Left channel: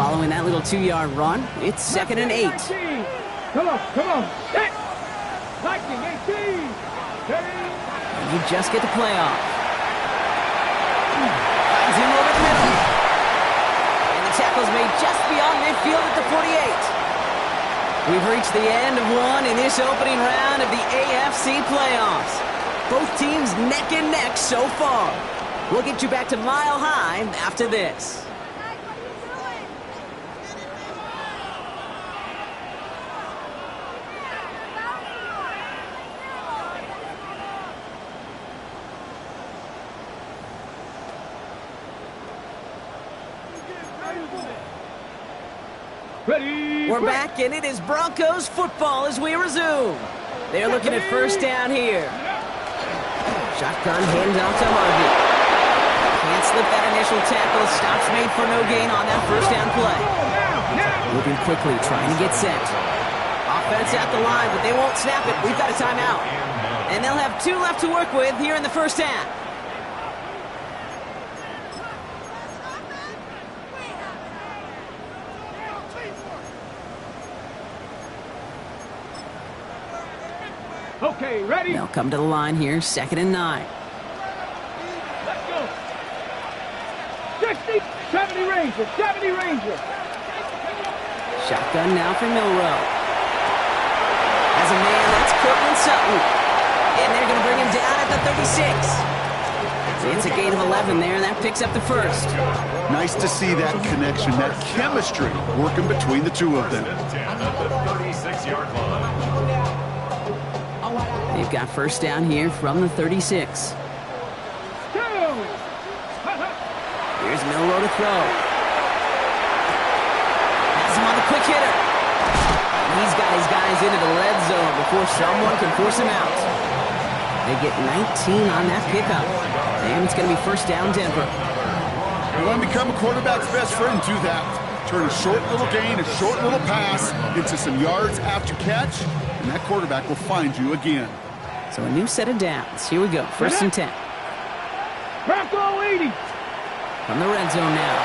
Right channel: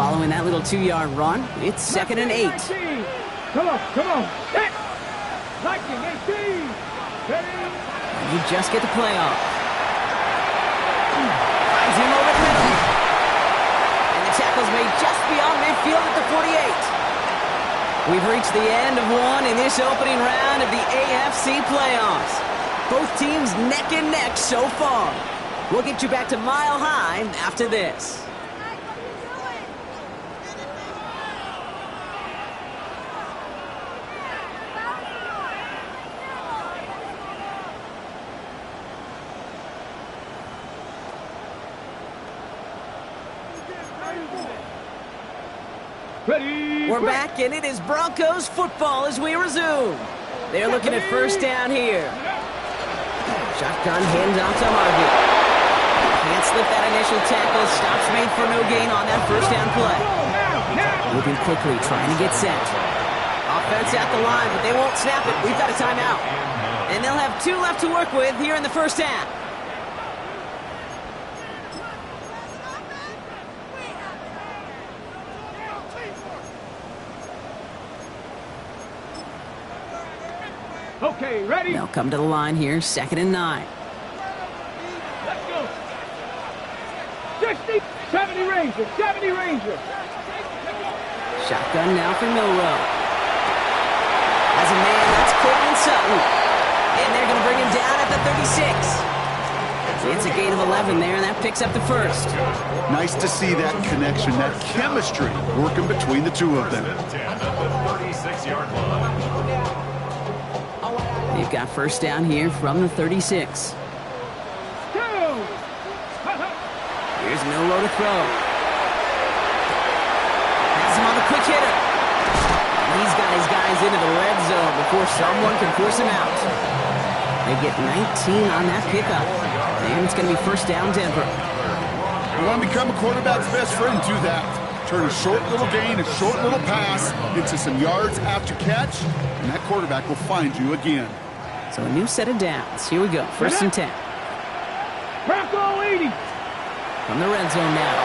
Following that little 2-yard run, it's 2nd and 8. Come on. Set. Lightning 18. You just get the play off. Finds him over the middle. And the tackle's made just beyond midfield at the 48. We've reached the end of one in this opening round of the AFC playoffs. Both teams neck and neck so far. We'll get you back to Mile High after this. We're back, and it is Broncos football as we resume. They're looking at first down here. Shotgun handoff to Harvey. Can't slip that initial tackle. Stops made for no gain on that first down play. Moving quickly, trying to get set. Offense at the line, but they won't snap it. We've got a timeout. And they'll have 2 left to work with here in the first half. Okay, ready? They'll come to the line here, 2nd and 9. Let's go. 60, 70 Ranger, 70 Ranger. Shotgun now for Milrow. As a man, that's Cortland Sutton. And they're going to bring him down at the 36. It's a gain of 11 there, and that picks up the first. Nice to see that connection, that chemistry working between the two of them. They've got first down here from the 36. Here's Milrow to throw. Has him on the quick hitter. And he's got his guys into the red zone before someone can force him out. They get 19 on that pickup. And it's going to be first down Denver. You want to become a quarterback's best friend, do that. Turn a short little gain, a short little pass into some yards after catch, and that quarterback will find you again. So a new set of downs. Here we go. First and 10. Bronco 80. From the red zone now.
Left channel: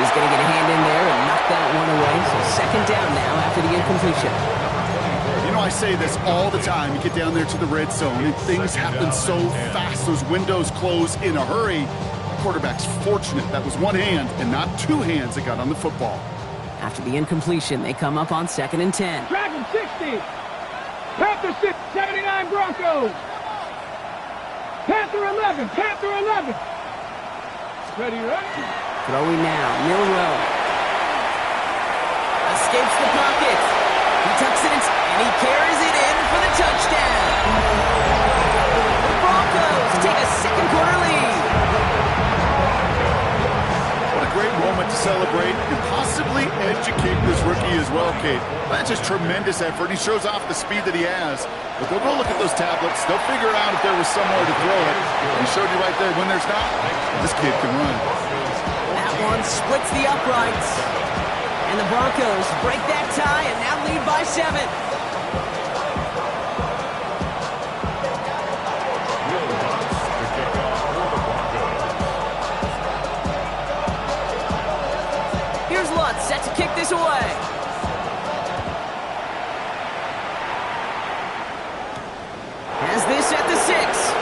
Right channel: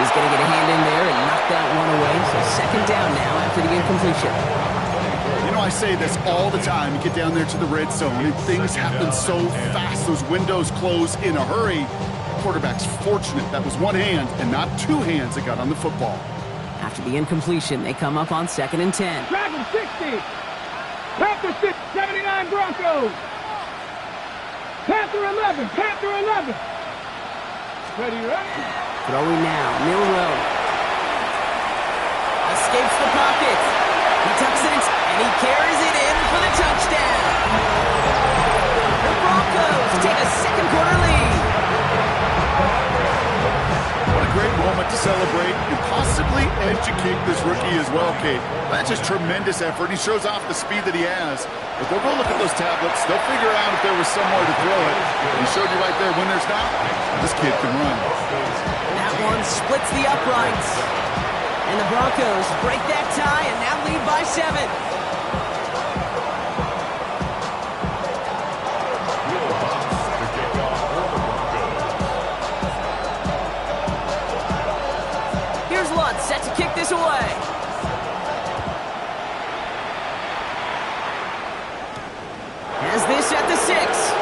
He's going to get a hand in there and knock that one away. So second down now after the incompletion. You know, I say this all the time. You get down there to the red zone, and things happen so fast. Those windows close in a hurry. The quarterback's fortunate that was one hand and not 2 hands that got on the football. After the incompletion, they come up on 2nd and 10. Dragon 60. Panther 6, 79 Broncos. Panther 11, Panther 11. Ready. Throwing now, Milrow. Escapes the pocket. He tucks it in, and he carries it in for the touchdown. The Broncos take a second quarter lead. What a great moment to celebrate and possibly educate this rookie as well, Kate. That's just tremendous effort. He shows off the speed that he has. But they'll go look at those tablets. They'll figure out if there was somewhere to throw it. He showed you right there. When there's not, this kid can run. That one splits the uprights. And the Broncos break that tie and now lead by 7. Here's Lutz set to kick this away. Has this at the 6.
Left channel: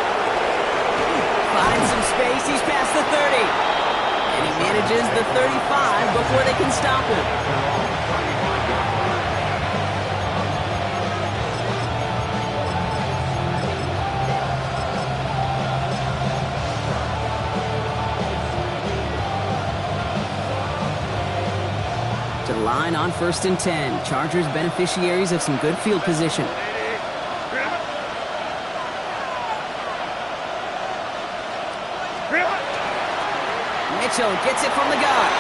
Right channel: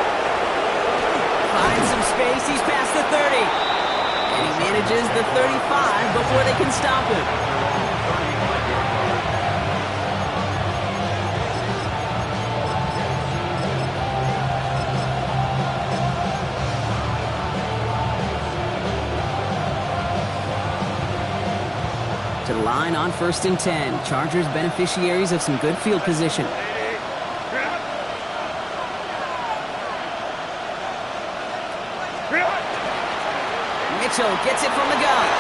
Finds some space. He's past the 30. And he manages the 35 before they can stop him. To the line on 1st and 10. Chargers beneficiaries of some good field position. Mitchell gets it from the gun.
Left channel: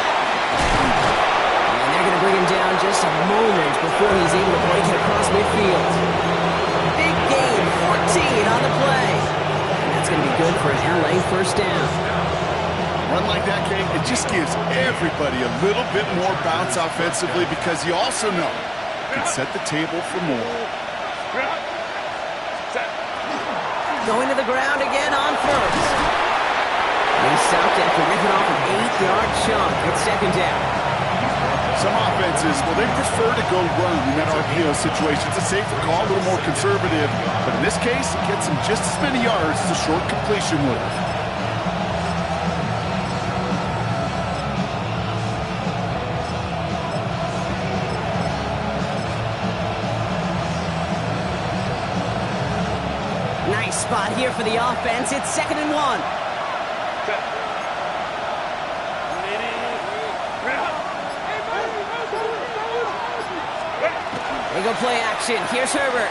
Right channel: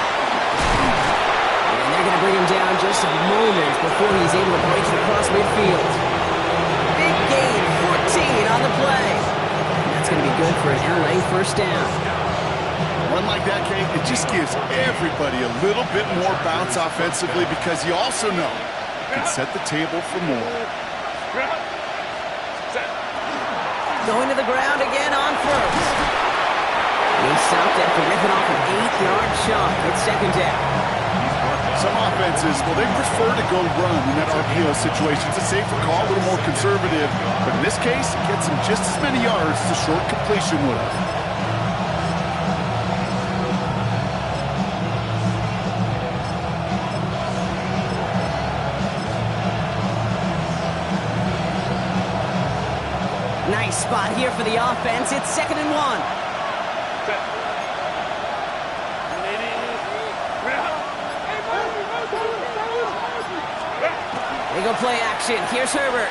And they're going to bring him down just a moment before he's able to break it across midfield. Big gain, 14 on the play. And that's going to be good for an LA first down. Run like that, Kate, it just gives everybody a little bit more bounce offensively because you also know it can set the table for more. Going to the ground again on 1st. And he stopped after ripping off an 8-yard chunk. It's second down. Some offenses, well, they prefer to go run in that RPO situation. It's a safer call, a little more conservative. But in this case, it gets him just as many yards as a short completion would have. Nice spot here for the offense. It's 2nd and 1. They go play action. Here's Herbert.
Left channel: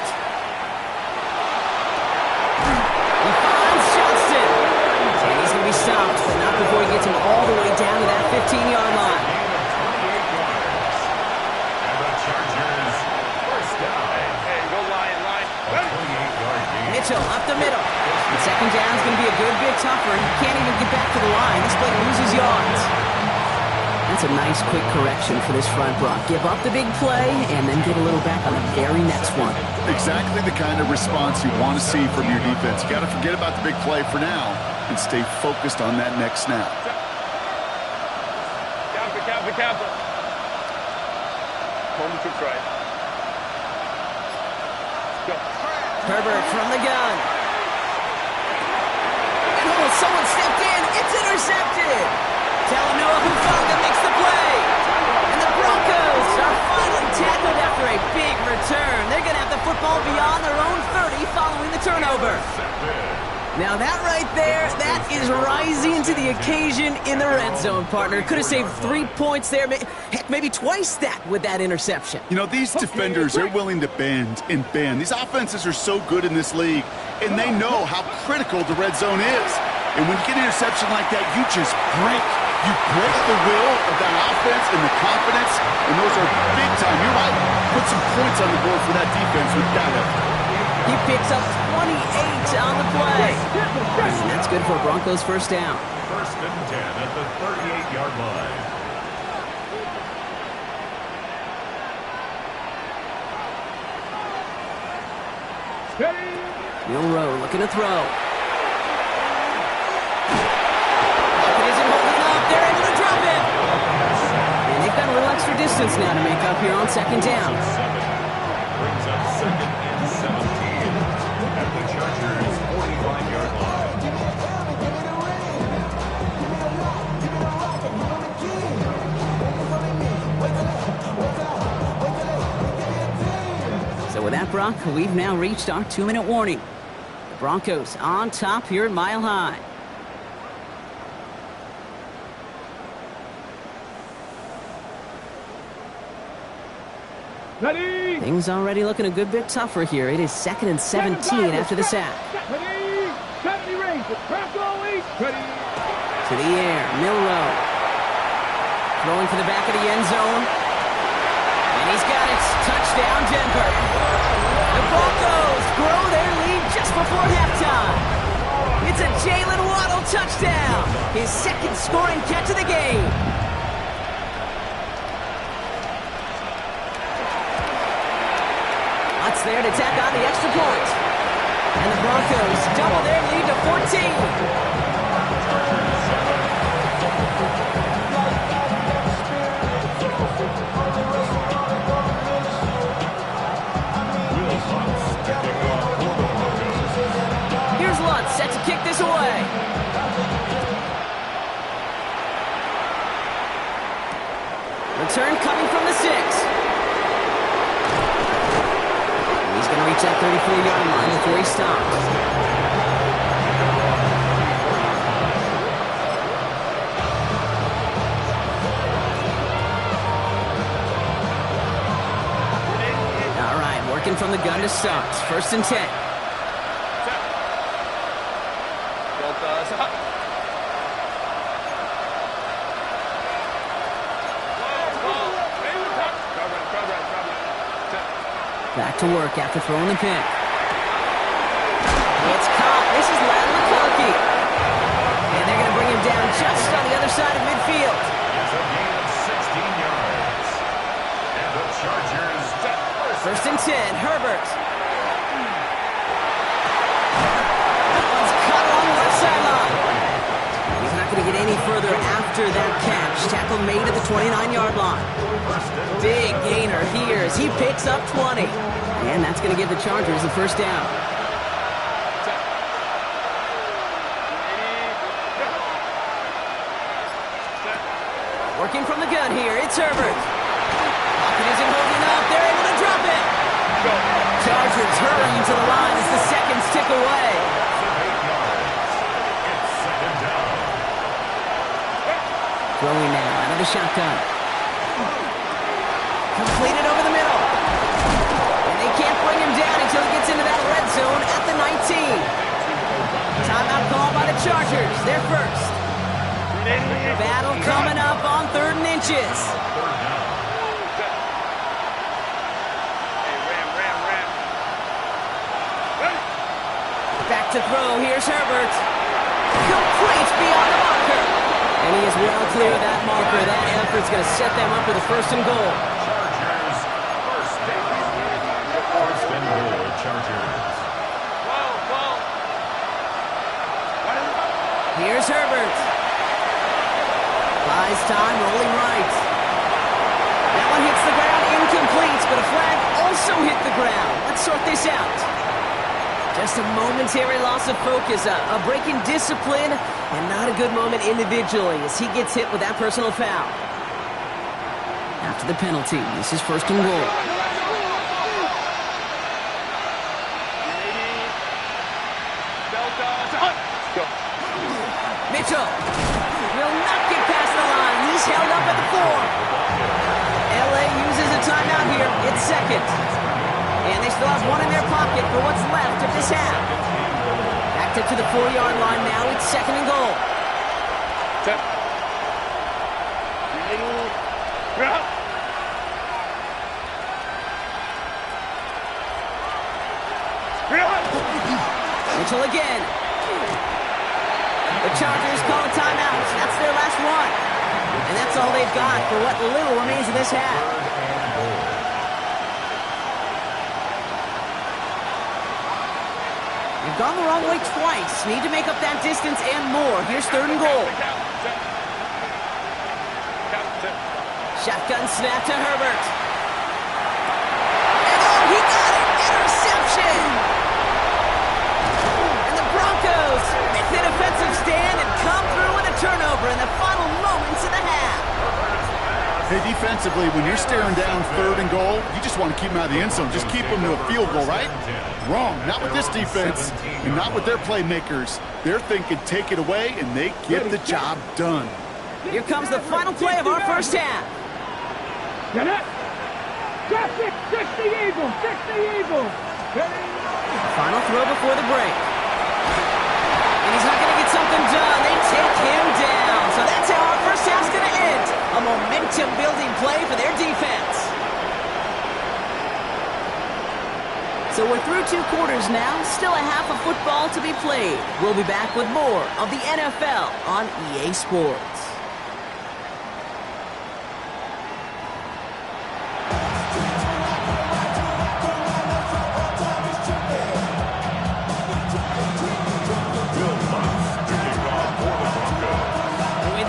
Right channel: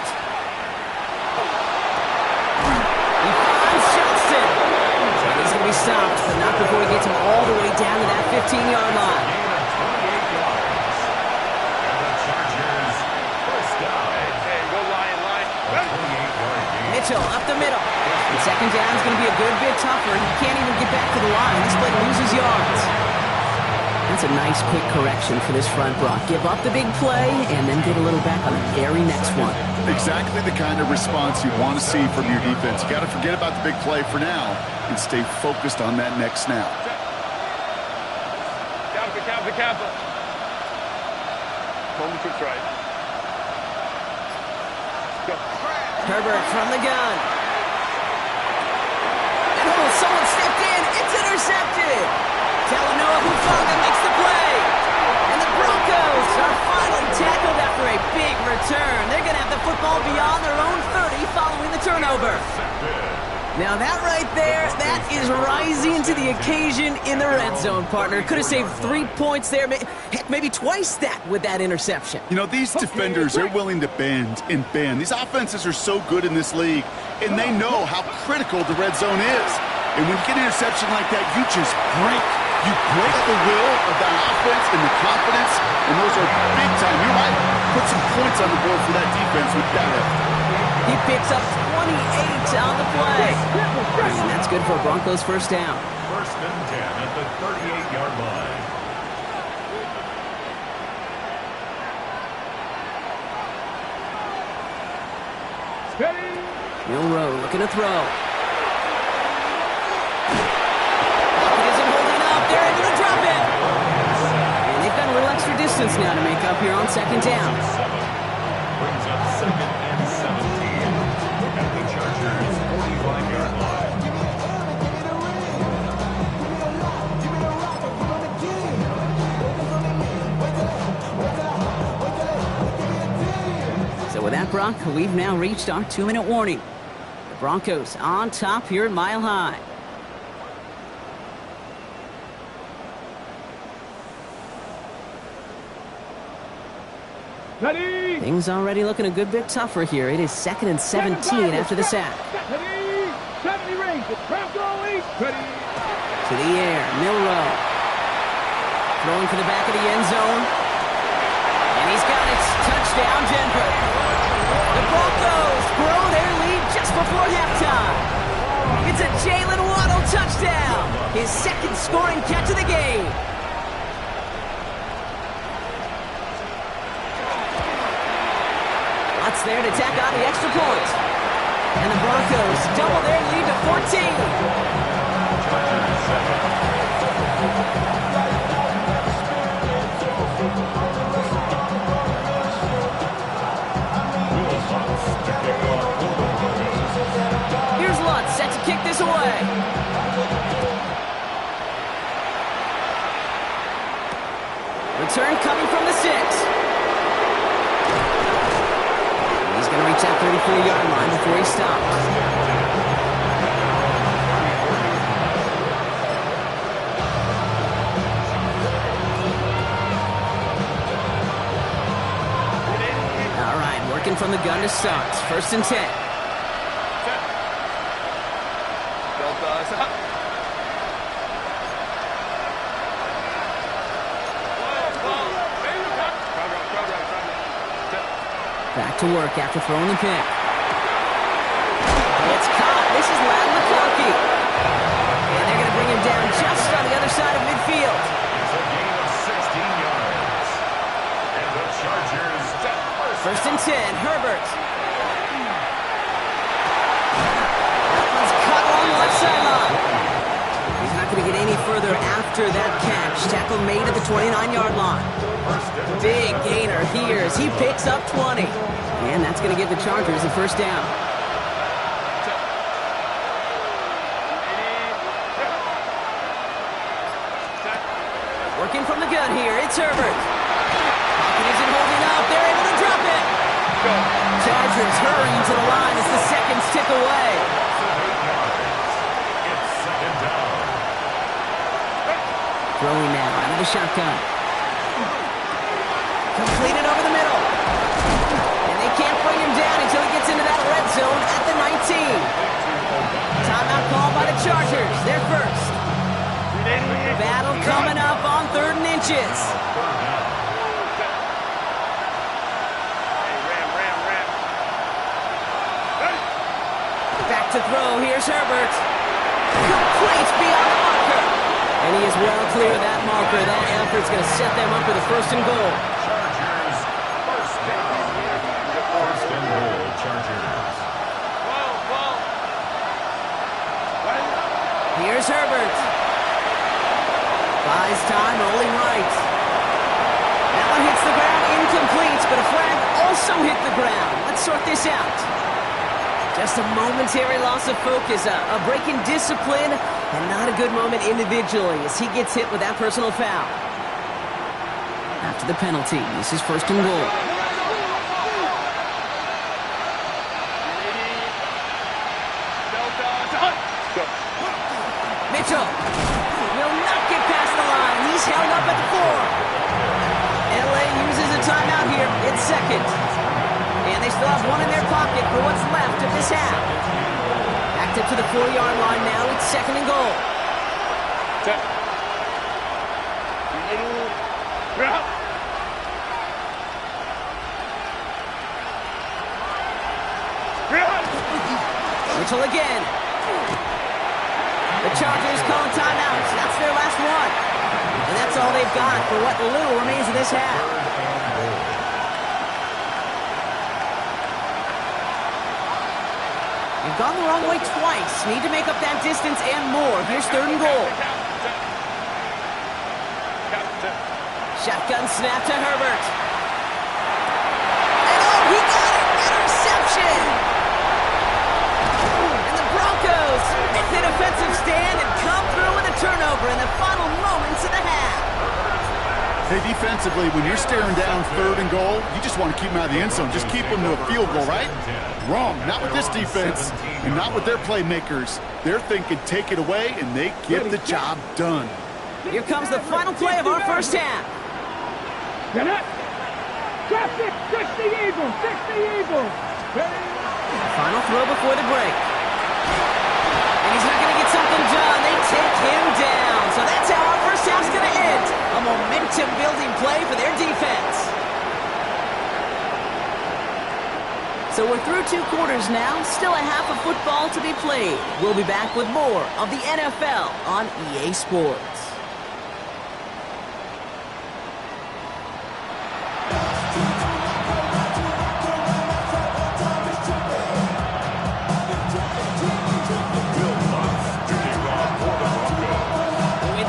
He finds Johnston. And he's going to be stopped, but not before he gets him all the way down to that 15-yard line. And the Chargers first down. Hey, go Lion. Mitchell up the middle. And second down is going to be a good bit tougher. He can't even get back to the line. This play loses yards. That's a nice quick correction for this front, Brock. Give up the big play and then get a little back on the very next one. Exactly the kind of response you want to see from your defense. You got to forget about the big play for now and stay focused on that next snap. Kappa. Moment to try. Go. Herbert from the gun. And someone stepped in. It's intercepted. Talanoa Hufanga makes the play. And the Broncos are finally tackled after a big return. They're going to have the football beyond their own 30 following the turnover. Now that right there, that is rising to the occasion in the red zone, partner. Could have saved 3 points there. Heck, maybe twice that with that interception. You know, these defenders are willing to bend and bend. These offenses are so good in this league, and they know how critical the red zone is. And when you get an interception like that, you just break. You break the will of that offense and the confidence, and those are big time. You're right. Put some points on the board for that defense with that effort. He picks up 28 on the play. And that's good for Broncos first down. 1st and 10 at the 38-yard line. Milroe looking to throw. Bucket isn't holding up. They're able to drop it. And they've got a little extra distance now to make up here on second down. Brings up 2nd and 17 at the Chargers' 45-yard line. So with that, Brock, we've now reached our 2-minute warning. The Broncos on top here at Mile High. Ready. Things already looking a good bit tougher here. It is 2nd and 17 after the sack. Ready. 70 range. Bronco 8. Ready. To the air, Milroe. Throwing for the back of the end zone. And he's got it. Touchdown, Denver. The Broncos grow their lead just before halftime. It's a Jalen Waddle touchdown. His 2nd scoring catch of the game. Lots there to tack on the extra point. And the Broncos double their lead to 14. Here's Lutz set to kick this away. Return coming from the 6. He's going to reach that 34-yard line before he stops. All right, working from the gun to start. 1st and 10. Back to work after throwing the pick. It's caught. This is Ladd McConkey. And they're going to bring him down just on the other side of midfield. It's a gain of 16 yards. And the Chargers set 1st and 10, Herbert. That one's cut along the left sideline. He's going to not going to get any further after that catch. Tackle made at the 29-yard line. Big gainer here as he picks up 20. And that's going to give the Chargers the first down. Working from the gun here, it's Herbert. Pocket isn't holding up. They're able to drop it. Chargers hurrying to the line as the seconds tick away. It's second down. Throwing now out of the shotgun. Completed over the middle. And they can't bring him down until he gets into that red zone at the 19. Timeout called by the Chargers. They're first. Battle coming up on 3rd and inches. Back to throw. Here's Herbert. Complete beyond the marker. And he is well clear of that marker. That effort's going to set them up with a 1st and goal. Chargers, first down. First and goal, Chargers. Here's Herbert. Buys time, rolling right. That one hits the ground, incomplete, but a flag also hit the ground. Let's sort this out. Just a momentary loss of focus, a break in discipline, and not a good moment individually as he gets hit with that personal foul. After the penalty, this is 1st and goal. Mitchell will not get past the line. He's held up at the 4. LA uses a timeout here. It's second. And they still have one in their pocket for what's left of this half. Backed up to the 4-yard line now. It's 2nd and goal. Mitchell again. The Chargers call a timeout. That's their last one. And that's all they've got for what little remains of this half. You've gone the wrong way twice. Need to make up that distance and more. Here's 3rd and goal. Shotgun snap to Herbert. And oh, he got it! Interception! Broncos make the defensive stand and come through with a turnover in the final moments of the half. Hey, defensively, when you're staring down 3rd and goal, you just want to keep them out of the end zone. Just keep them to a field goal, right? Wrong. Not with this defense and not with their playmakers. They're thinking take it away, and they get the job done. Here comes the final play of our first half. Get it? Drop it! 60 Eagles! 60 Eagles! Final throw before the break. And he's not going to get something done. They take him down. So that's how our first half's going to end. A momentum-building play for their defense. So we're through 2 quarters now. Still a half of football to be played. We'll be back with more of the NFL on EA Sports.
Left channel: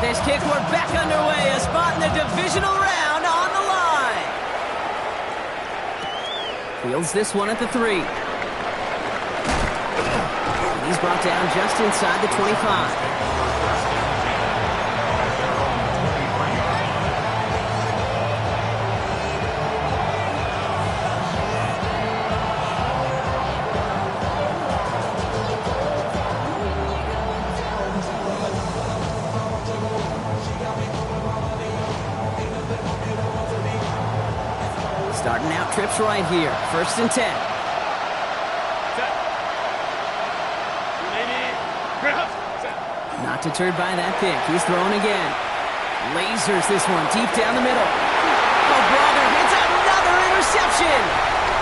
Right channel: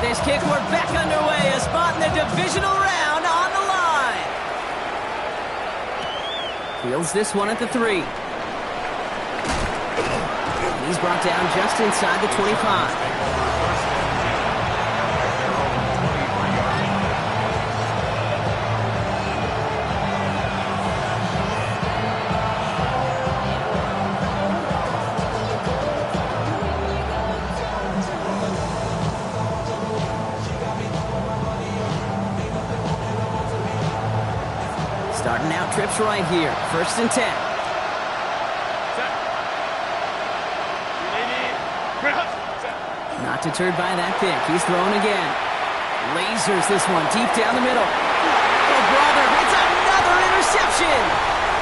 This kick, we're back underway. A spot in the divisional round on the line. Fields this one at the 3. And he's brought down just inside the 25. Starting out trips right here. 1st and 10. Not deterred by that pick. He's thrown again. Lasers this one deep down the middle. Oh, brother, it's another interception.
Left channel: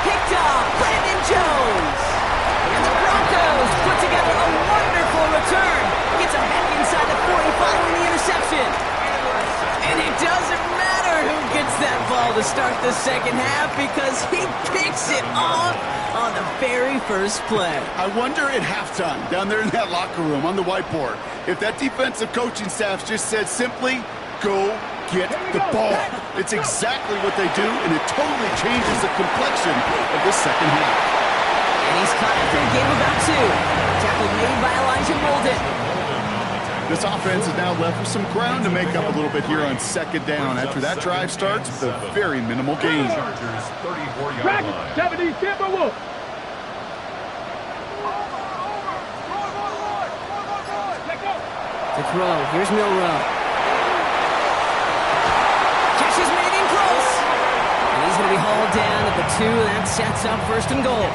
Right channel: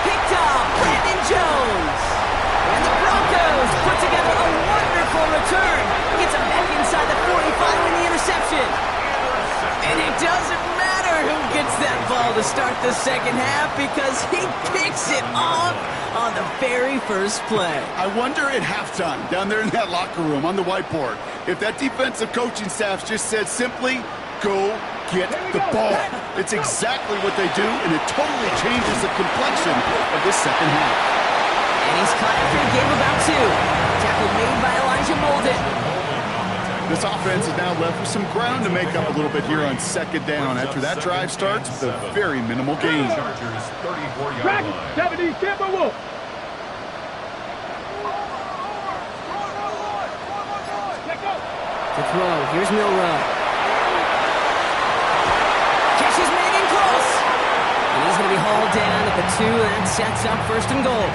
Picked up Brandon Jones. And the Broncos put together a wonderful return. Gets him back inside the 45 with the interception. And it doesn't matter who gets that ball to start the second half because he picks it off on the very first play. I wonder at halftime, down there in that locker room on the whiteboard, if that defensive coaching staff just said simply, go get the ball. It's exactly what they do, and it totally changes the complexion of this second half. And he's caught after a game about 2. Tackle made by Elijah Molden. This offense is now left with some ground to make up a little bit here on second down after that drive starts with a very minimal gain. Chargers 34-yard Dragon, line. 70, Timberwolves. To throw, here's Milrow. Catch is made in close. And he's going to be hauled down at the 2. That sets up first and goal.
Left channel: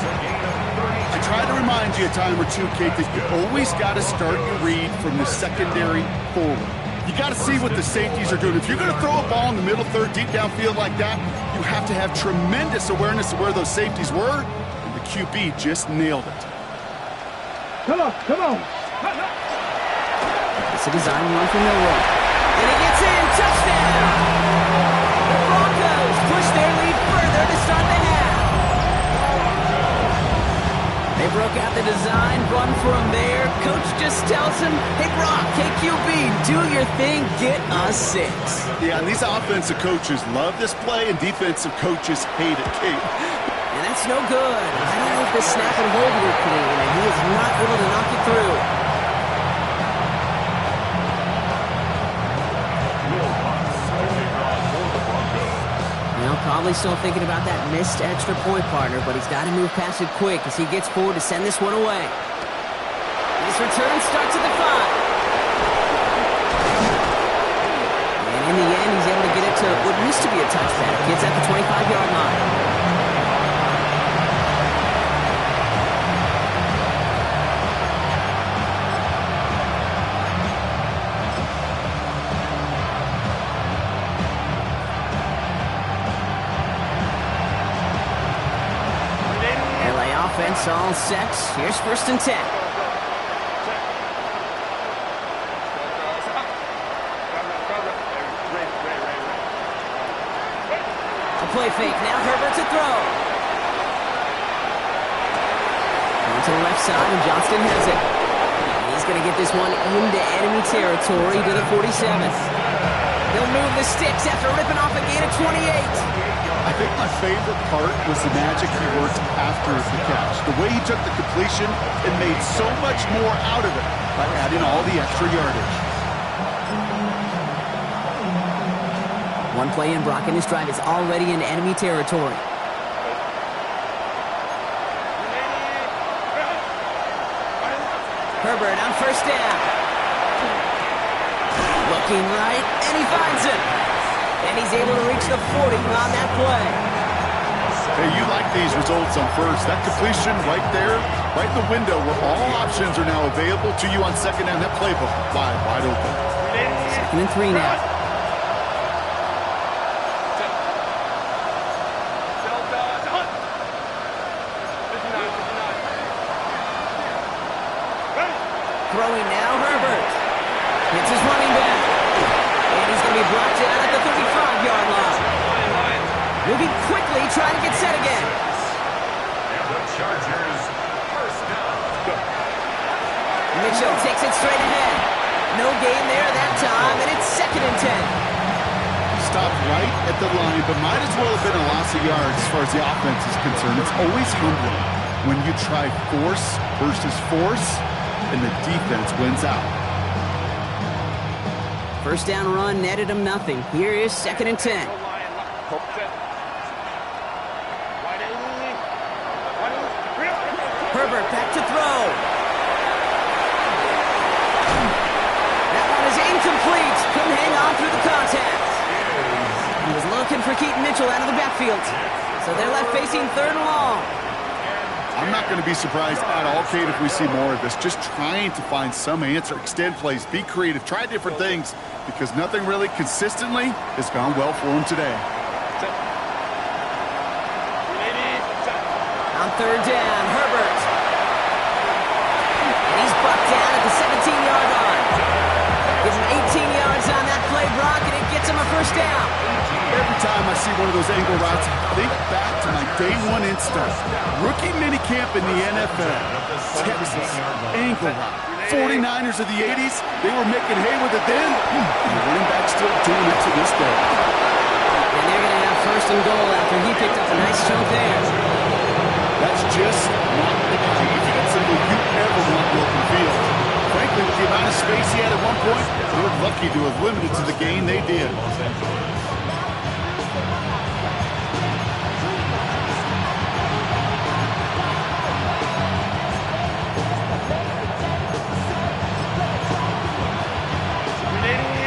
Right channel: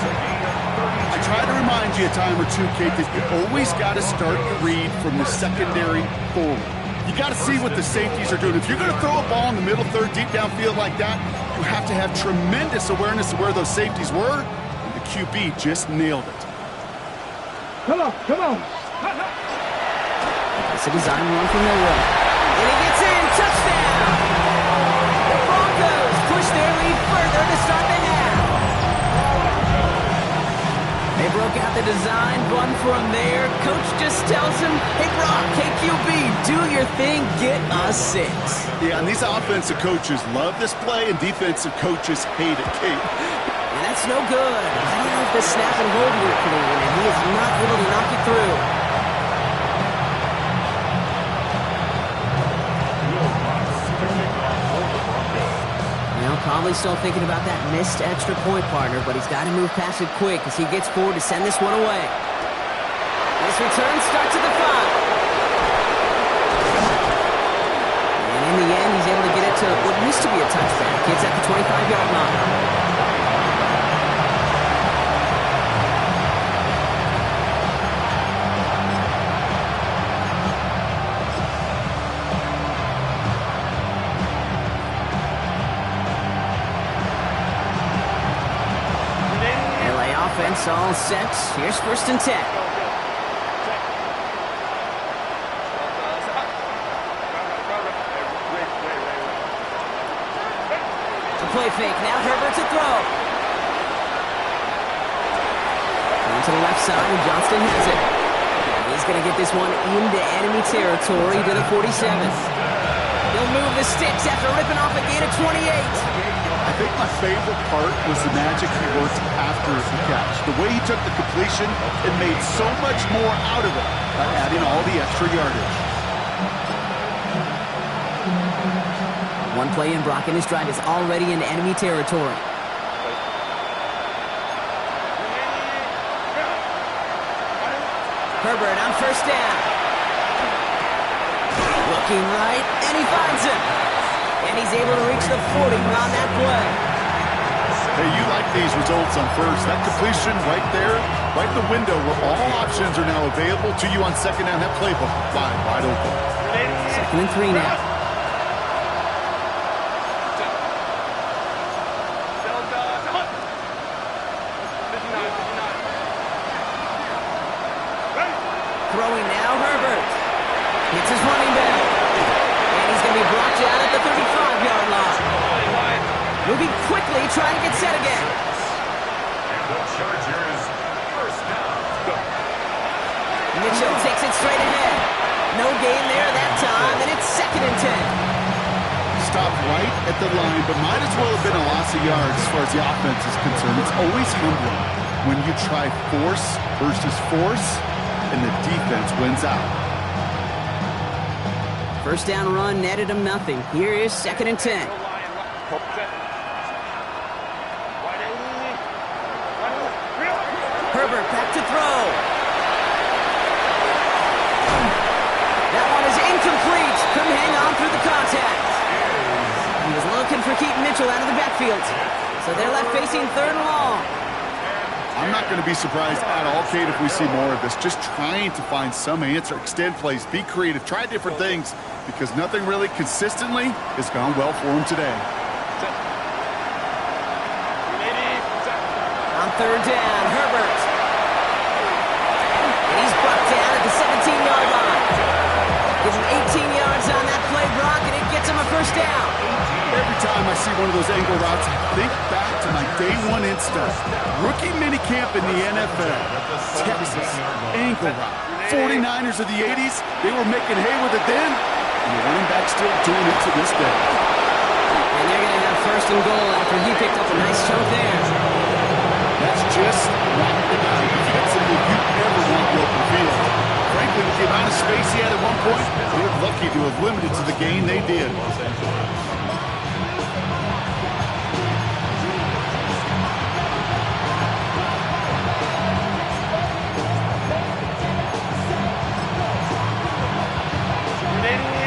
I try to remind you a time or two, Kate, that you always got to start your read from the secondary forward. You got to see what the safeties are doing. If you're going to throw a ball in the middle third, deep downfield like that, you have to have tremendous awareness of where those safeties were, and the QB just nailed it. Come on, come on. It's a design run for Milrow. And he gets in, touchdown! The Broncos push their lead further to start the half. They broke out the design, run from there. Coach just tells him, hey, Brock, KQB, do your thing, get us 6. Yeah, and these offensive coaches love this play, and defensive coaches hate it, Kate. And that's no good. I don't know if the snap and hold were clean, and he is not able to knock it through. Well, probably still thinking about that missed extra point, partner, but he's got to move past it quick as he gets forward to send this one away. This return starts at the 5. And in the end, he's able to get it to what used to be a touchback. It's at the 25-yard line. Offense all set. Here's first and 10. A play fake. Now Herbert to throw. Going to the left side, and Johnston has it. And he's going to get this one into enemy territory to the 47. He'll move the sticks after ripping off a gain of 28. I think my favorite part was the magic he worked after the catch. The way he took the completion and made so much more out of it by adding all the extra yardage. One play in, Brock, and his drive is already in enemy territory. Herbert on first down. Looking right, and he finds him. And he's able to reach the 40 on that play. Hey, you like these results on first. That completion right there, right in the window where all options are now available to you on second down. That playbook wide open. Second and 3 now. Throwing now, Herbert. Hits his running back. And he's going to be brought down at the 35-yard line. Moving quickly, trying to get set again. And the Chargers, first down. Mitchell takes it straight ahead. No gain there that time, and it's second and 10. Stopped right at the line, but might as well have been a loss of yards as far as the offense is concerned. It's always humbling when you try force versus force, and the defense wins out. First down run netted him nothing. Here is second and 10. Herbert back to throw. That one is incomplete. Couldn't hang on through the contact. He was looking for Keaton Mitchell out of the backfield. So they're left facing third and long. I'm not going to be surprised at all, Kate, if we see more of this. Just trying to find some answer, extend plays, be creative, try different things, because nothing really consistently has gone well for him today. On third down, Herbert. And he's brought down at the 17-yard line. Gives him 18 yards on that play, Brock, and it gets him a first down. Every time I see one of those angle routes, I think back to my day one install. Rookie minicamp in the NFL. Texas, angle route. 49ers of the 80s, they were making hay with it then, and the running back's still doing it to this day. And they're going to have first and goal after he picked up a nice chunk there. That's just not the guy defensively you ever want in the open field. Frankly, with the amount of space he had at one point, they're lucky to have limited to the gain they did.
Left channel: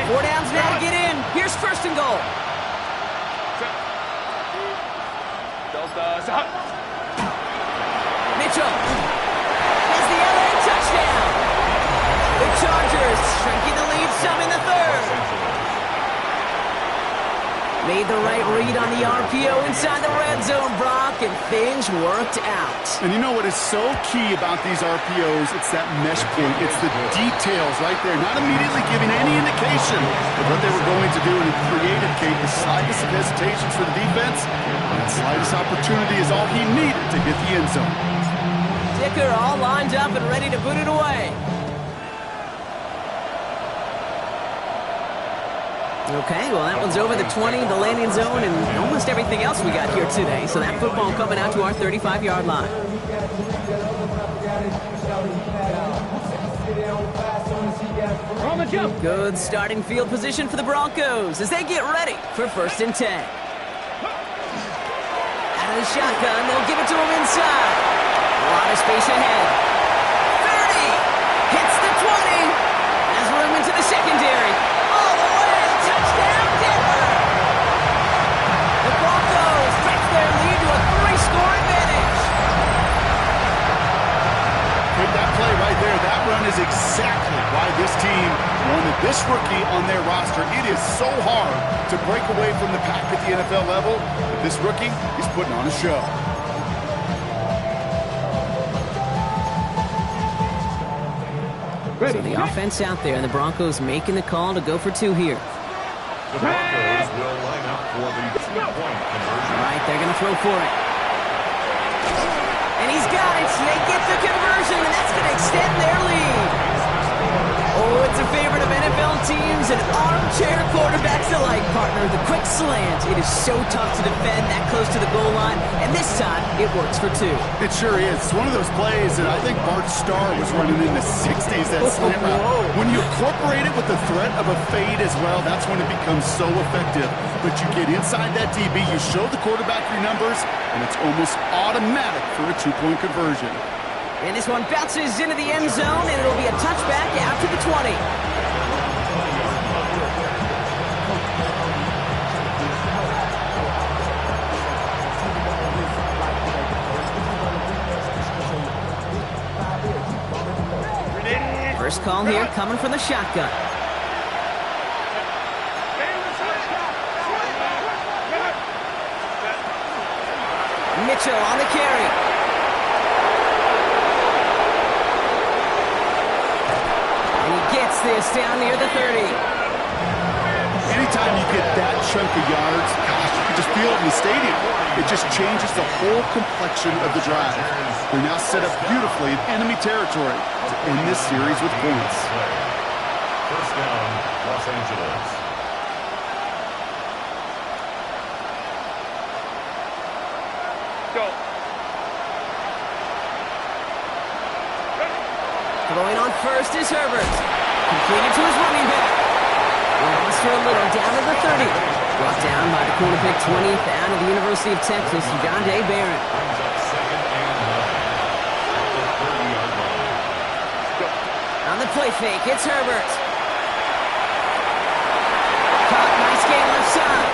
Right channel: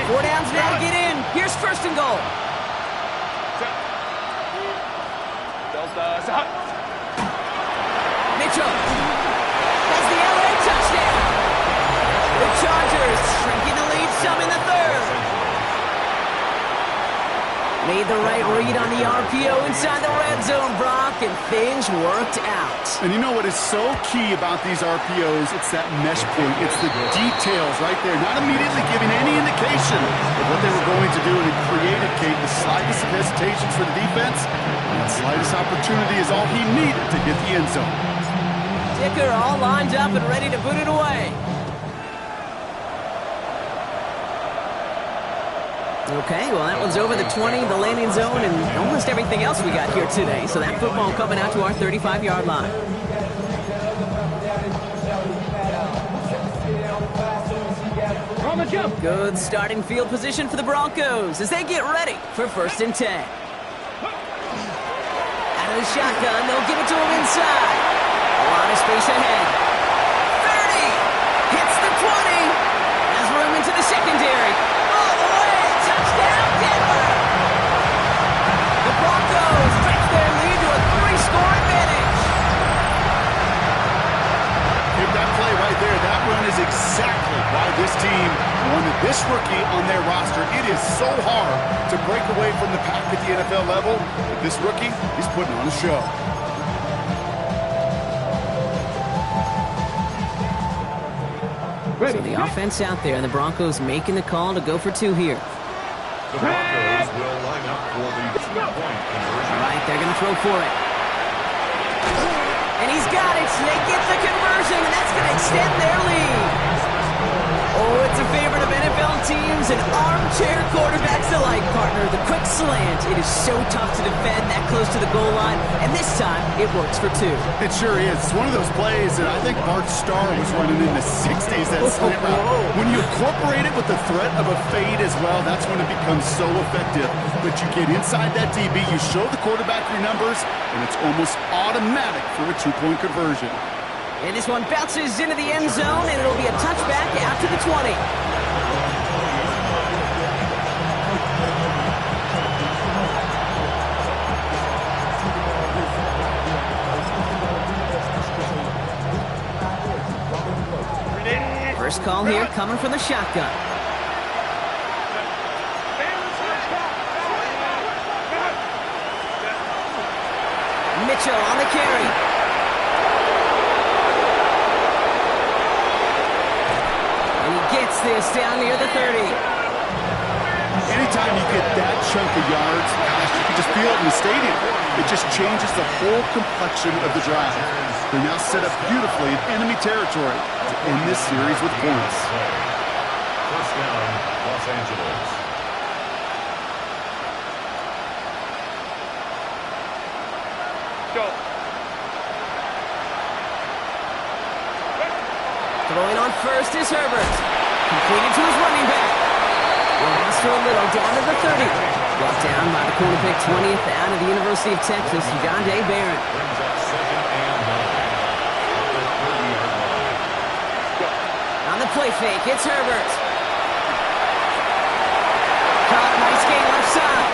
Four downs now to get in. Here's first and goal. Mitchell has the LA touchdown. The Chargers shrinking the lead some in the third. Made the right read on the RPO inside the red zone, Brock, and things worked out. And you know what is so key about these RPOs? It's that mesh point. It's the details right there, not immediately giving any indication of what they were going to do, and it created, Kate, the slightest of hesitations for the defense, and the slightest opportunity is all he needed to hit the end zone. Dicker all lined up and ready to boot it away. Okay, well, that one's over the 20, the landing zone, and almost everything else we got here today. So that football coming out to our 35-yard line. On the jump. Good starting field position for the Broncos as they get ready for first and 10. Out of the shotgun, they'll give it to him inside. A lot of space ahead. 30, hits the 20, has room into the secondary. All the way. Touchdown, Denver! The Broncos stretch their lead to a 3-score advantage. Hit that play right there. That run is exactly why this team wanted this rookie on their roster. It is so hard to break away from the pack at the NFL level, but this rookie, he's putting on a show. So the offense out there, and the Broncos making the call to go for two here. The Broncos will line up for the 2-point conversion. All right, they're going to throw for it. And he's got it. So they get the conversion, and that's going to extend their lead. Oh, it's a favorite of NFL teams and armchair quarterbacks alike, partner. The quick slant. It is so tough to defend that close to the goal line, and this time it works for two. It sure is. It's one of those plays that I think Bart Starr was running in the 60s, that slant route. When you incorporate it with the threat of a fade as well, that's when it becomes so effective. But you get inside that DB, you show the quarterback your numbers, and it's almost automatic for a 2-point conversion. And this one bounces into the end zone, and it'll be a touchback out to the 20. First call here coming from the shotgun. Mitchell on the carry. And he gets this down near the 30. Anytime you get that chunk of yards, gosh, you can just feel it in the stadium. It just changes the whole complexion of the drive. They're now set up beautifully in enemy territory to end this series with points. First down, Los Angeles. Go. Throwing on first is Herbert. Completed to his running back. Lost for a little, down to the 30. Brought down by the corner pick 20th out of the University of Texas, John Day Barrett. Brings up 2nd and 9 at the 30-yard line. On the play fake, it's Herbert. Caught, nice gain left side.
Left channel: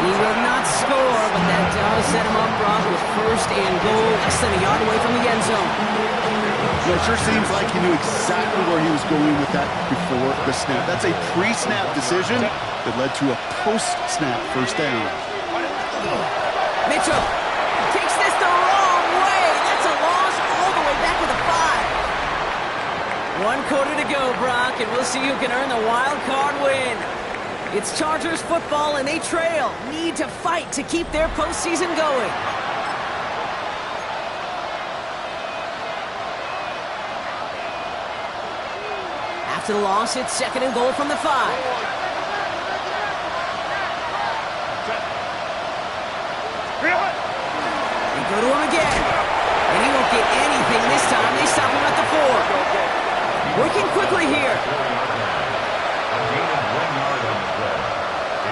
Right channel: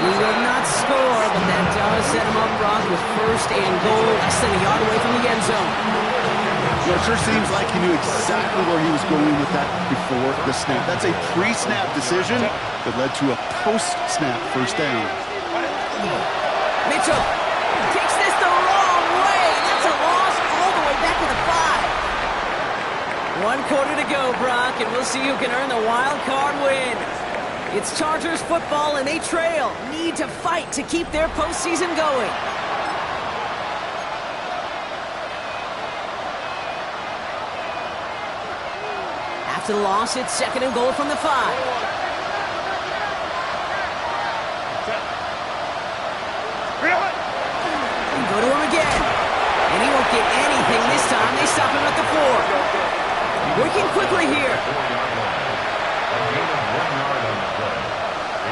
And he will not score, but that does set him up, Brock, with first and goal, less than a yard away from the end zone. It sure seems like he knew exactly where he was going with that before the snap. That's a pre-snap decision that led to a post-snap first down. Mitchell takes this the wrong way. That's a loss all the way back to the 5. 1 quarter to go, Brock, and we'll see who can earn the wild card win. It's Chargers football, and they trail. Need to fight to keep their postseason going. After the loss, it's 2nd and goal from the 5. They go to him again. And he won't get anything this time. They stop him at the 4. Working quickly here. A gain of 1 yard on the play.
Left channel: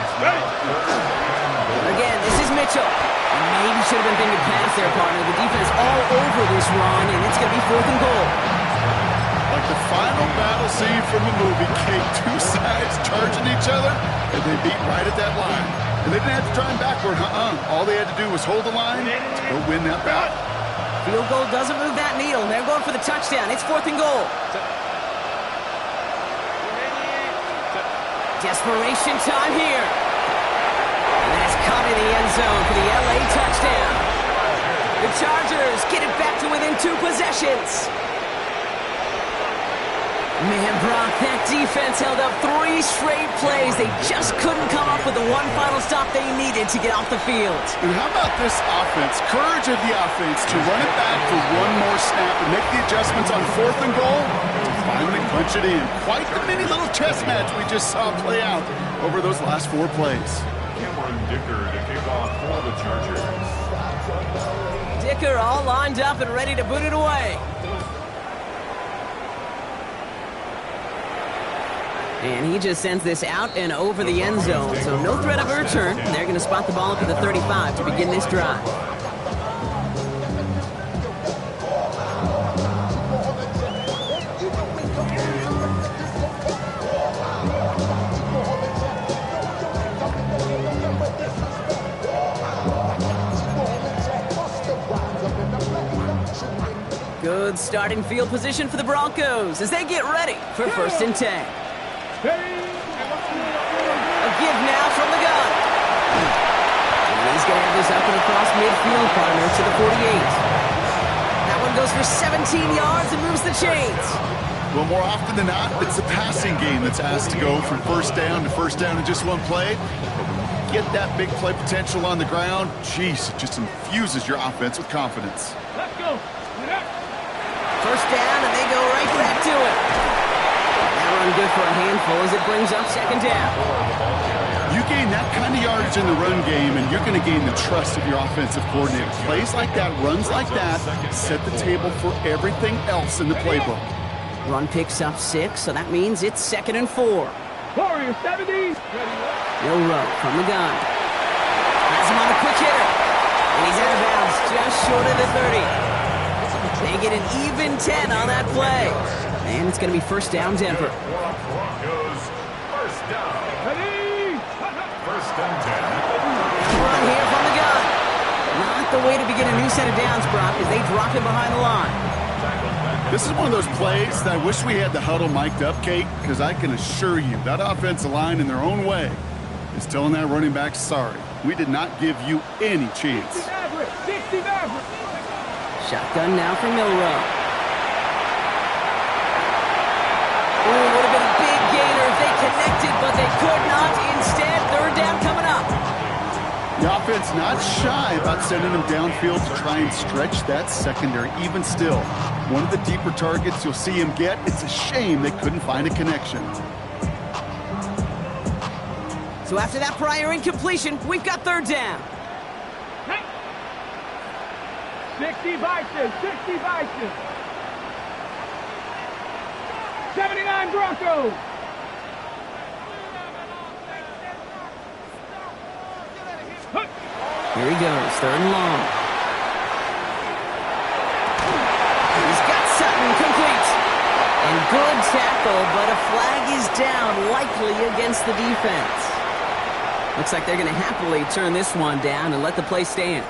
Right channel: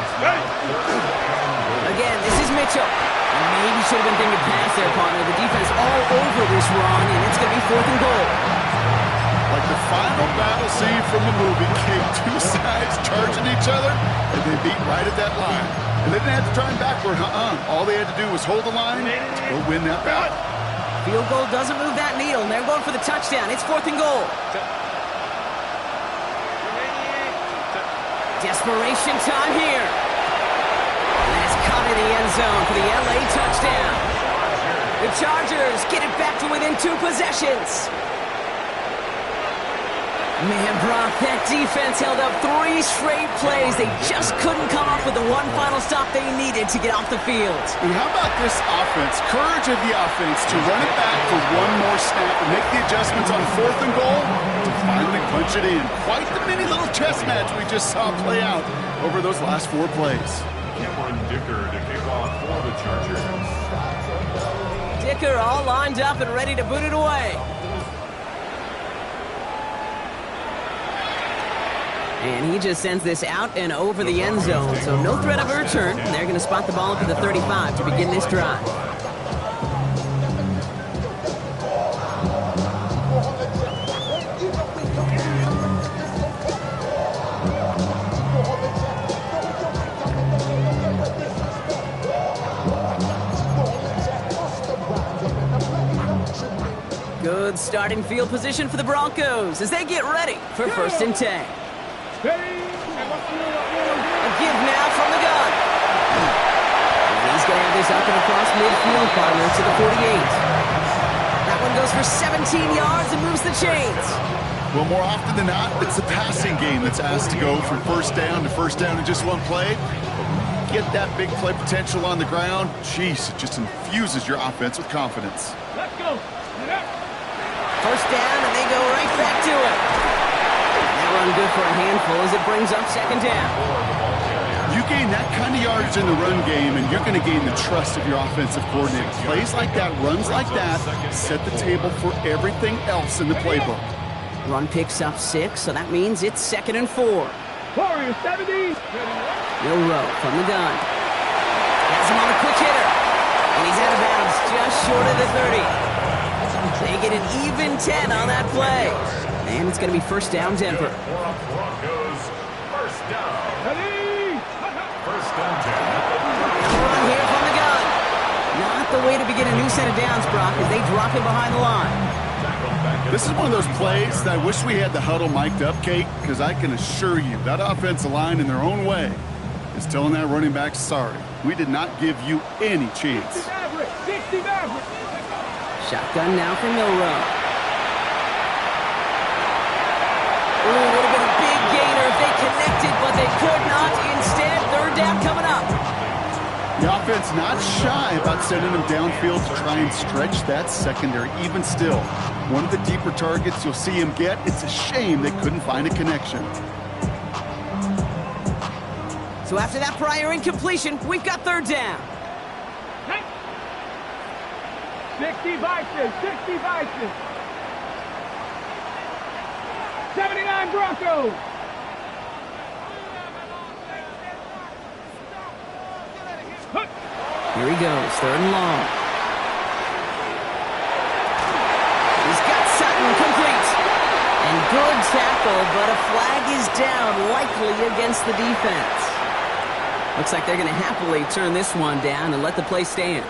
It's now 3rd and goal. Again, this is Mitchell. And maybe should have been thinking past their partner. The defense all over this run, and it's going to be 4th and goal. Like the final battle scene from a movie, Kate, 2 sides charging each other, and they beat right at that line. And they didn't have to try and backward, All they had to do was hold the line to go win that battle. Field goal doesn't move that needle, and they're going for the touchdown. It's 4th and goal. Desperation time here. And that's caught in the end zone for the LA touchdown. The Chargers get it back to within 2 possessions. Man, Brock, that defense held up 3 straight plays. They just couldn't come up with the one final stop they needed to get off the field. And how about this offense? Courage of the offense to run it back for one more snap and make the adjustments on 4th and goal to finally punch it in. Quite the mini little chess match we just saw play out over those last 4 plays. Cameron Dicker to kick off for the Chargers. Dicker all lined up and ready to boot it away. And he just sends this out and over the end zone, so no threat of a return. They're going to spot the ball up at the 35 to begin this drive. Good starting field position for the Broncos as they get ready for 1st and 10. A give now from the gun. And he's going to have this up and across midfield, partner, to the 48. That one goes for 17 yards and moves the chains. Well, more often than not, it's the passing game that's asked to go from 1st down to 1st down in just one play. But when you get that big play potential on the ground, geez, it just infuses your offense with confidence. Let's go. 1st down, and they go right back to it. That run good for a handful as it brings up 2nd down. You gain that kind of yardage in the run game, and you're going to gain the trust of your offensive coordinator. Plays like that, runs like that, set the table for everything else in the playbook. Run picks up 6, so that means it's 2nd and 4. Warrior 70. Milrow from the gun. Has him on the quick hitter. And he's out of bounds just short of the 30. They get an even 10 on that play. And it's going to be 1st down, Denver. Broncos, 1st down. 1st and 10. Run here from the gun. Not the way to begin a new set of downs, Brock, as they drop him behind the line. This is one of those plays that I wish we had the huddle mic'd up, Kate, because I can assure you that offensive line in their own way is telling that running back, sorry, we did not give you any chance. 60 Maverick. Shotgun now for Milrow. Ooh, would have been a big gainer if they connected, but they could not. Instead, 3rd down coming up. The offense not shy about sending them downfield to try and stretch that secondary. Even still, one of the deeper targets you'll see him get, it's a shame they couldn't find a connection. So after that prior incompletion, we've got 3rd down. 60 Bison, 60 Bison. 79 Broncos. Here he goes, 3rd and long. He's got Sutton complete. And good tackle, but a flag is down, likely against the defense. Looks like they're going to happily turn this one down and let the play stand.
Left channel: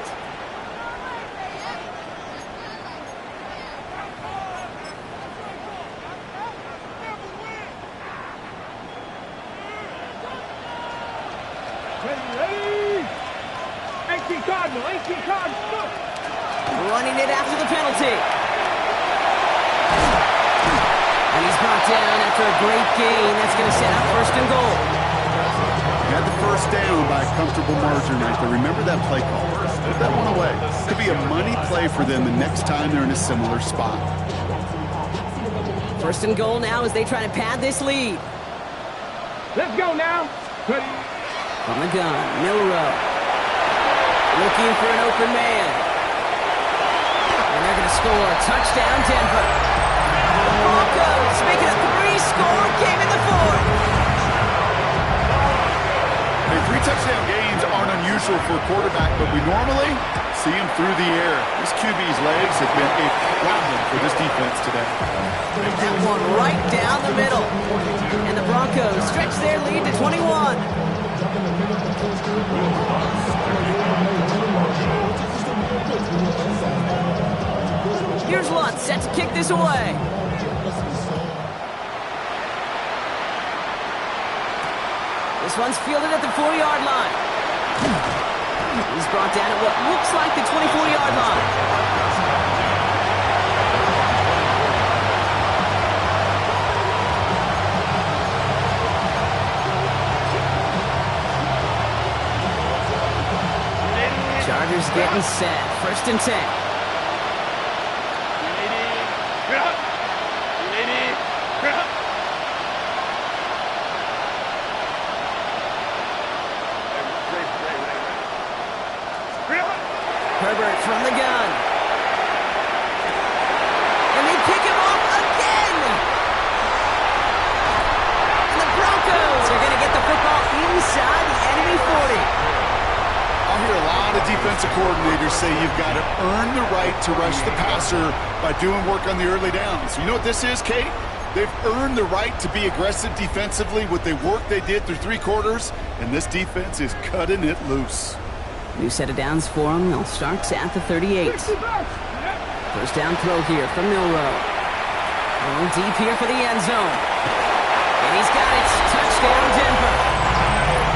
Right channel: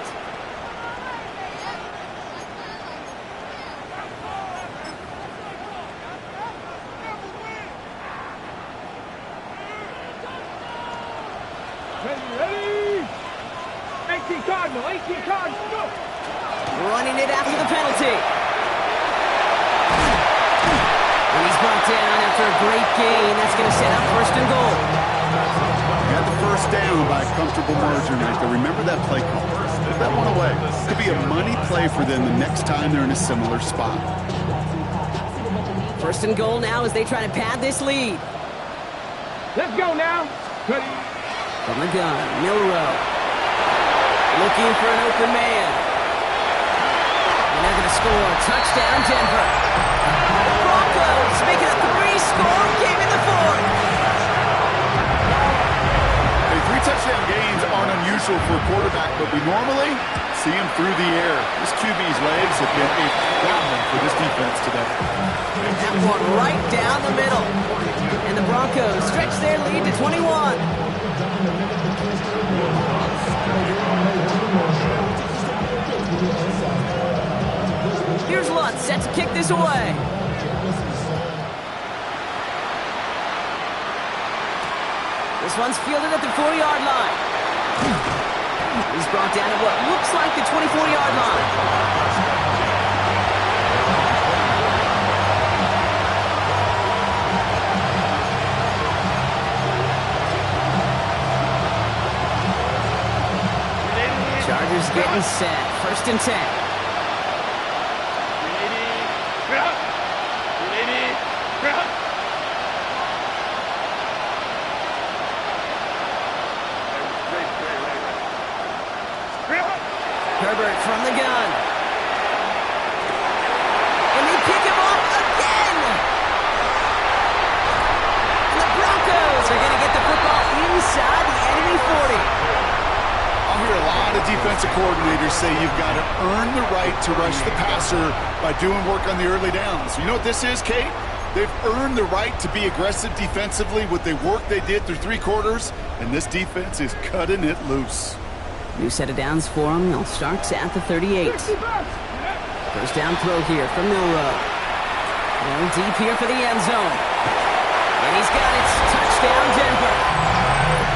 Ready. 18 Cardinal, 18 Cardinal, go. Running it after the penalty. And he's brought down after a great gain. That's going to set up 1st and goal. first down by a comfortable margin right there. Remember that play call. Put that one away. Could be a money play for them the next time they're in a similar spot. First and goal now as they try to pad this lead. Let's go now. Ready. From the gun, Milrow. Looking for an open man. And they're going to score. Touchdown, Denver. Broncos making a 3-score game in the fourth. Hey, 3 touchdown gains aren't unusual for a quarterback, but we normally see him through the air. This QB's legs have been a problem for this defense today. That one right down the middle. And the Broncos stretch their lead to 21. Here's Lutz set to kick this away. This one's fielded at the 4-yard line. He's brought down at what looks like the 24-yard line. Chargers getting set. First and 10. Herbert from the gun. And they pick him off again. And the Broncos are going to get the football inside the enemy 40. I'll hear a lot of defensive coordinators say you've got to earn the right to rush the passer by doing work on the early downs. You know what this is, Kate? They've earned the right to be aggressive defensively with the work they did through 3 quarters, and this defense is cutting it loose. New set of downs for them. They'll start at the 38. First down throw here from Milrow. Going deep here for the end zone. And he's got it. Touchdown, Denver.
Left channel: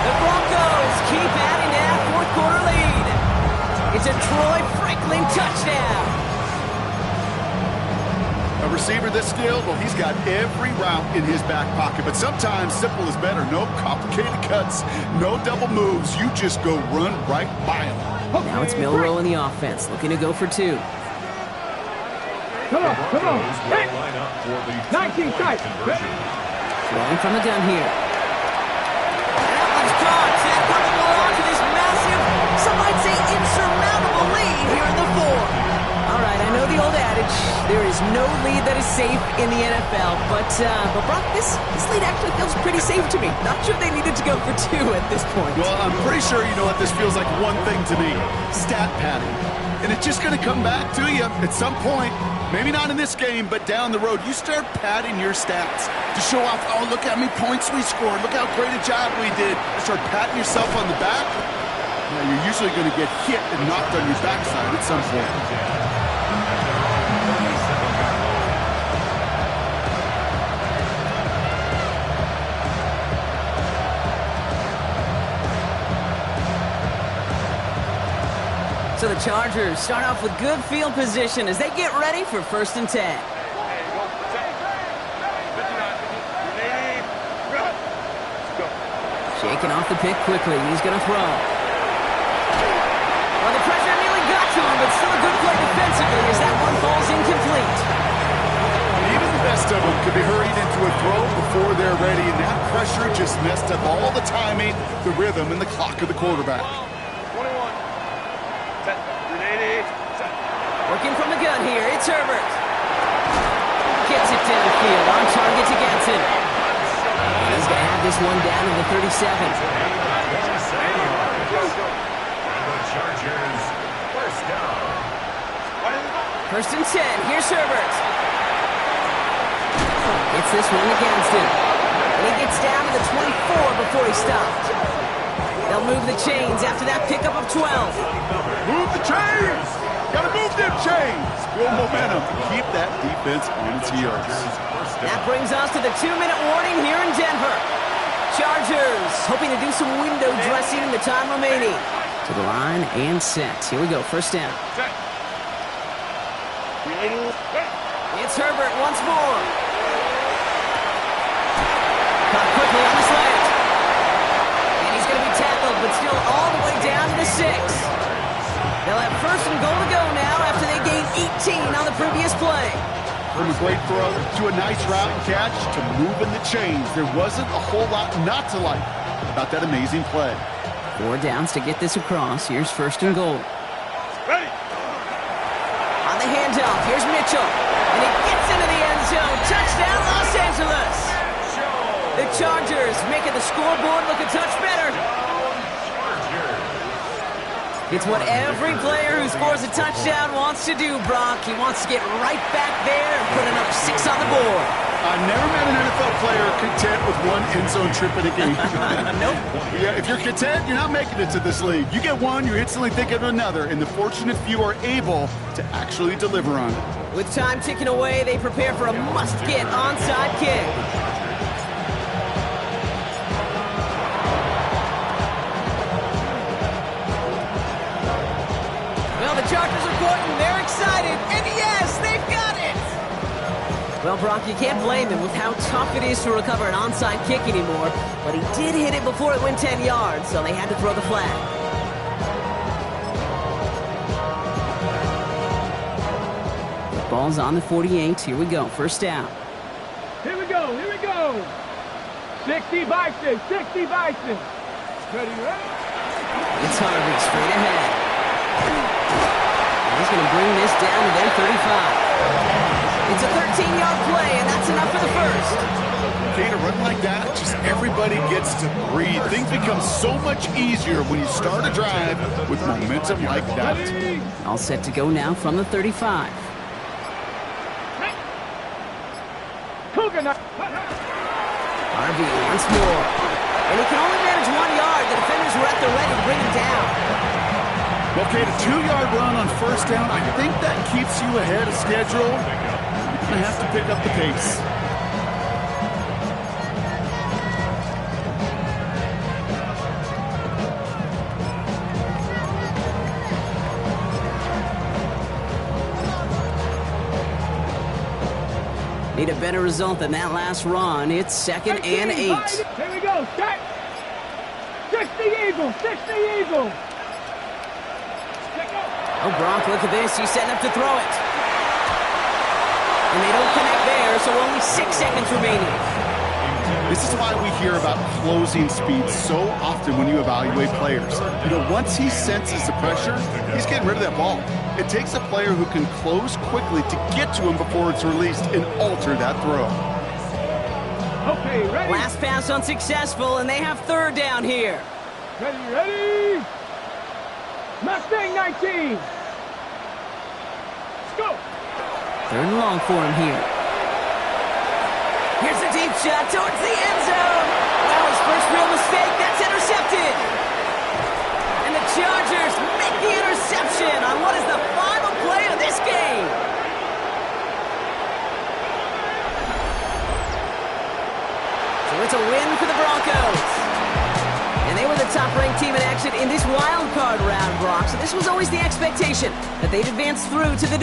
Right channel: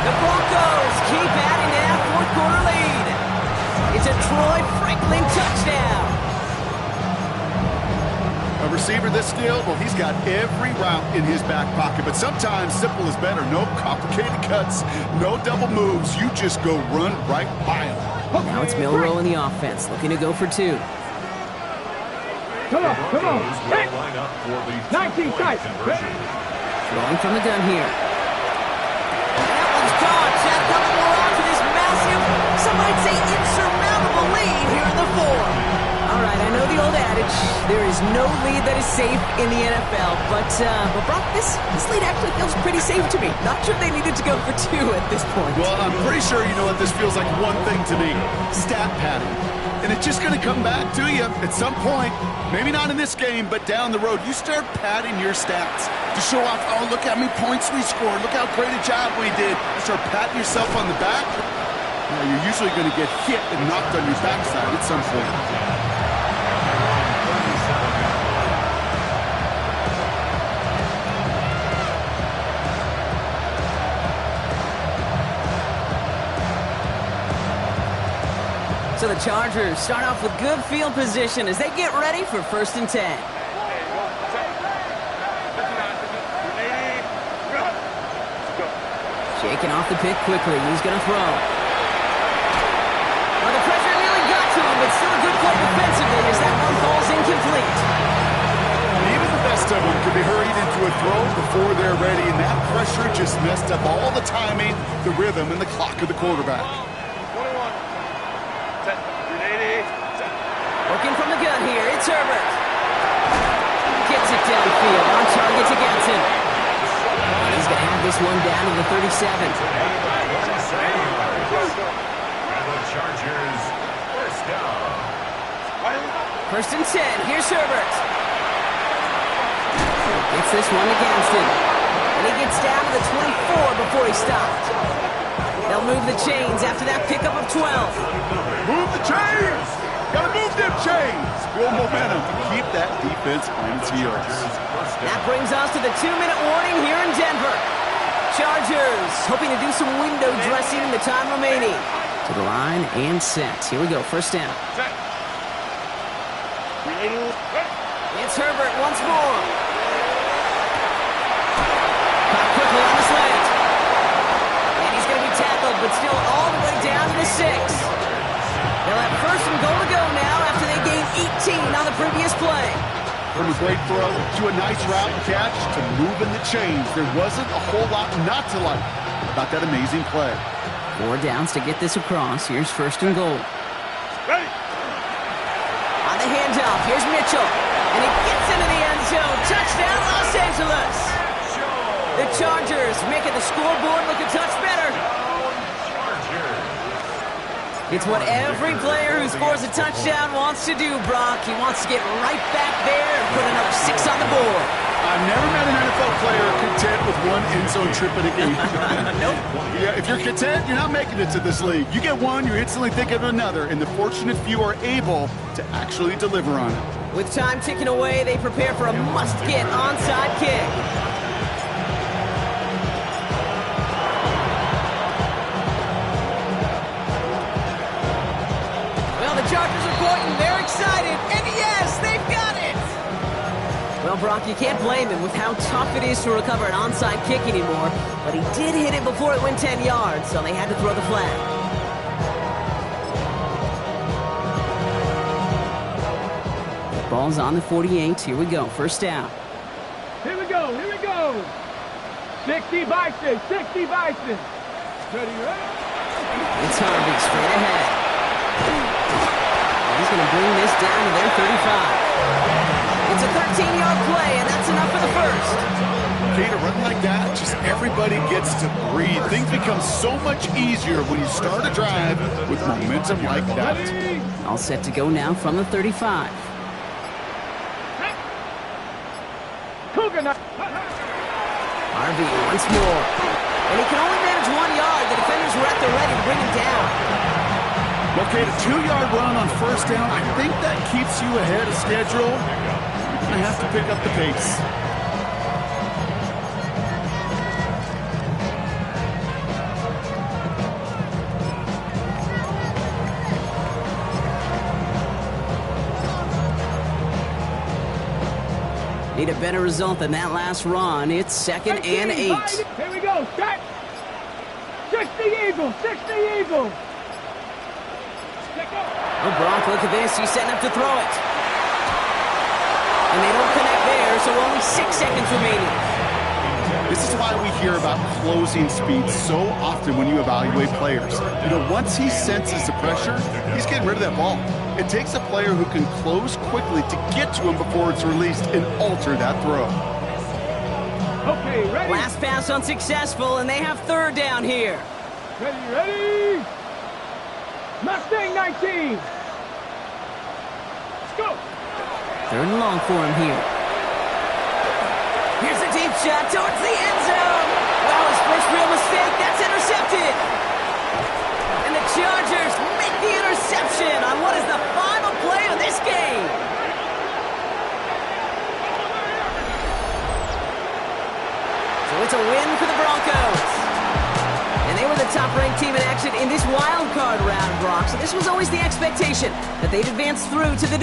The Broncos keep adding to that fourth-quarter lead. It's a Troy Franklin touchdown. A receiver this skilled, well, he's got every route in his back pocket. But sometimes simple is better. No complicated cuts, no double moves. You just go run right by him. Now it's Milrow in the offense, looking to go for 2. Come on, come on. Will line up for the 19 tight. conversion. Throwing from the gun here. And that one's caught. A couple more on to this massive, some might say insurmountable lead here in the 4. All right, I know the old adage, there is no lead that is safe in the NFL, but Brock, this lead actually feels pretty safe to me. Not sure they needed to go for 2 at this point. Well, I'm pretty sure you know what this feels like one thing to me. Stat padding. And it's just going to come back to you at some point. Maybe not in this game, but down the road. You start padding your stats to show off, oh, look how many points we scored. Look how great a job we did. And start patting yourself on the back. Now, you're usually going to get hit and knocked on your backside at some point. So the Chargers start off with good field position as they get ready for first and 10. Shaking off the pick quickly. He's going to throw. Well, the pressure nearly got to him, but still a good play defensively as that one falls incomplete. Even the best of them could be hurried into a throw before they're ready, and that pressure just messed up all the timing, the rhythm, and the clock of the quarterback. Working from the gun here, it's Herbert. Gets it downfield, on target to Gatson. And he's going to have this one down to the 37. And the Chargers, first down. First and 10, here's Herbert. Gets this one to Gadsden. And he gets down to the 24 before he stopped. They'll move the chains after that pickup of 12. Move the chains! Gotta move them chains! Build momentum to keep that defense on its heels. That brings us to the 2-minute warning here in Denver. Chargers hoping to do some window dressing in the time remaining. To the line and set. Here we go, first down. It's Herbert once more. Caught quickly on the slant. And he's going to be tackled 6. They'll have first and goal to go now after they gained 18 on the previous play. From a great throw to a nice route and catch to moving the chains, there wasn't a whole lot not to like about that amazing play. 4 downs to get this across. Here's first and goal. Ready. On the handoff, here's Mitchell. And he gets into the end zone. Touchdown, Los Angeles. The Chargers making the scoreboard look a touch better. It's what every player who scores a touchdown wants to do, Brock. He wants to get right back there and put another 6 on the board. I've never met an NFL player content with one end zone trip in a game. Nope. Yeah, if you're content, you're not making it to this league. You get one, you're instantly thinking of another, and the fortunate few are able to actually deliver on it. With time ticking away, they prepare for a must-get onside kick. Well, the Chargers are pointing. They're excited. And yes, they've got it! Well, Brock, you can't blame him with how tough it is to recover an onside kick anymore. But he did hit it before it went 10 yards, so they had to throw the flag. Ball's on the 48. Here we go. First down. Here we go. 60 Bison. Ready, ready. It's Harvey straight ahead. He's going to bring this down to their 35. It's a 13-yard play, and that's enough for the first. Okay, to run like that, just everybody gets to breathe. Things become so much easier when you start a drive with momentum like that. All set to go now from the 35. Harvey once more. And he can only manage 1 yard. The defenders were at the ready to bring him down. Okay, the 2-yard run on first down, I think that keeps you ahead of schedule. You're going to have to pick up the pace. Need a better result than that last run. It's 2nd and 8. Here we go. Set. 60 Eagles. Oh, Brock, look at this. He's setting up to throw it. And they don't connect there, so only 6 seconds remaining. This is why we hear about closing speed so often when you evaluate players. You know, once he senses the pressure, he's getting rid of that ball. It takes a player who can close quickly to get to him before it's released and alter that throw. Okay, ready. Last pass unsuccessful, and they have 3rd down here. Ready. Mustang 19. Let's go. 3rd and long for him here. Here's a deep shot towards the end zone. Wow, his first real mistake. That's intercepted. And the Chargers make the interception on what is the final play of this game. So it's a win for the Broncos. And they were the top-ranked team in action in this wild card round, Brock. So this was always the expectation that they'd advance through to the